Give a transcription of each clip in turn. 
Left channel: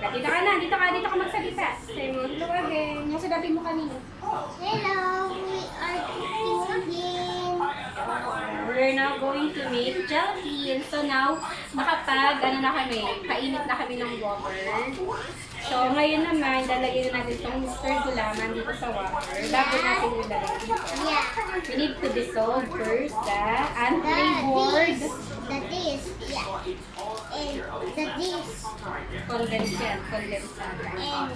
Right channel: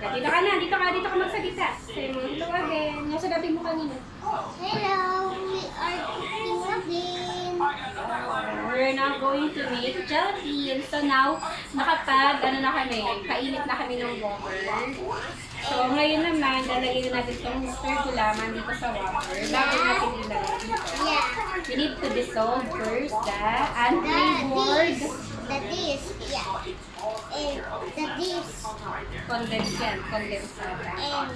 Dito ka na, dito ka magsalita. Say mo, hello again. Yung sinabi mo kanina. Hello, we are cooking again. We're now going to make gelatin. So now, ano na kami, kainit na kami ng water. So ngayon naman, lalagyan na natin itong stir gulaman dito sa water. Bago natin ilagay dito. Yeah. We need to dissolve first the unflavored Yeah. And the this. condensed yan, condensada. And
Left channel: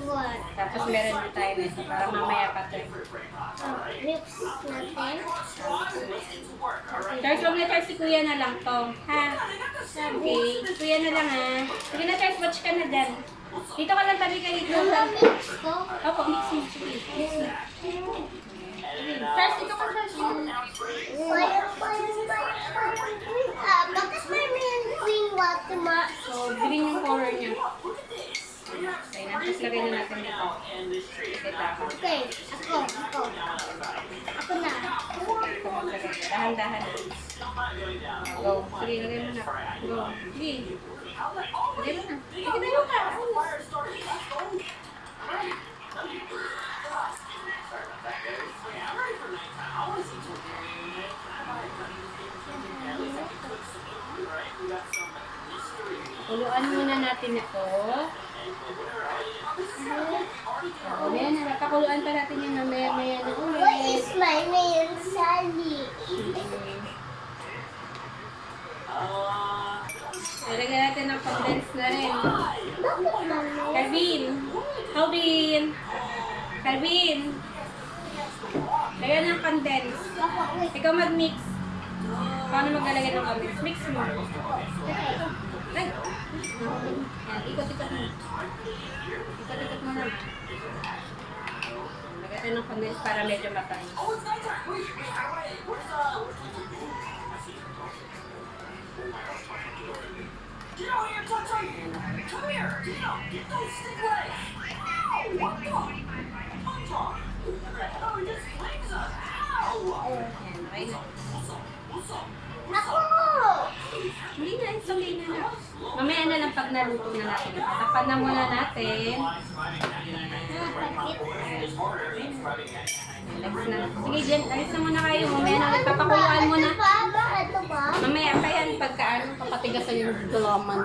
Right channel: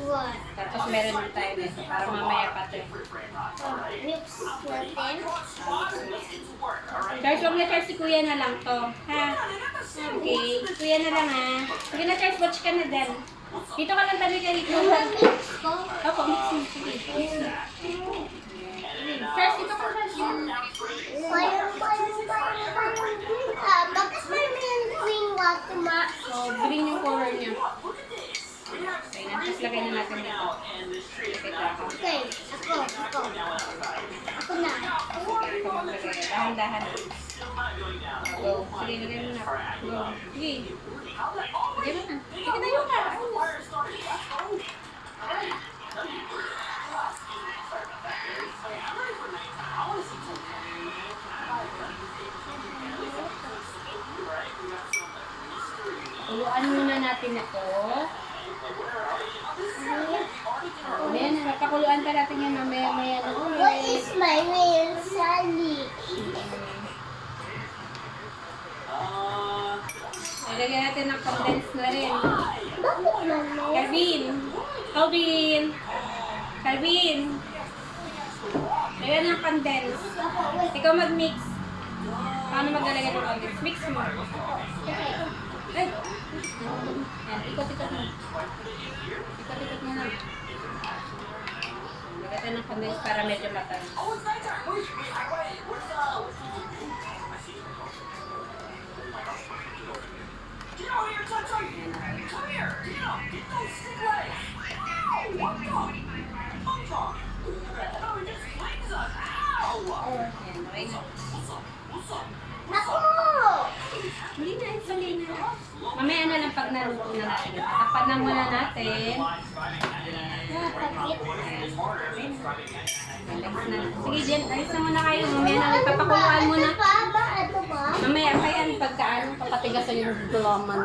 what? Tapos meron din tayo nito para mamaya pa ito. Mix natin. Charles, huwag na Charles, si Kuya na lang to. Ha? Okay, si Kuya na lang ha. Sige na Charles, watch ka na dyan. Dito ka lang tabi kahit Yung mix ko. Opo, mix mo. Sige, mix mo. Charles, dito ka Charles. Bakit may green water ma? So, green yung color niya. Okay na, tapos lagay na natin dito. Okay, ako. Ako na. Okay, ito maglagay. Dahan-dahan. Go. Sige, lagay mo na. Go. Sige. Lagay mo na. Sige, tayo ka. Uluan muna natin ito. Mamaya na, napakuluan pa natin yan mamaya na ulit. What is my name, Sally? Lalagyan natin ng condense na rin. Bakit naman? Calvin! Lagyan ng condense. Ikaw mag-mix. Paano maglalagay ng condense? Mix mo. Okay. Ay! Yan, ikot-ikot mo. Ikot-ikot mo naman. Lagyan tayo ng condense para medyo matamis. Yan, okay na. Naku! Hindi na, it's okay na. Mamaya na lang pag naluto na natin. Tatakpan na muna natin. Napakit. Relax na. Sige, Jen, alis na muna kayo. Mamaya na, papakuluan muna. Ito pa? Mamaya pa yan, pagka ano, papatigasan yung gulaman.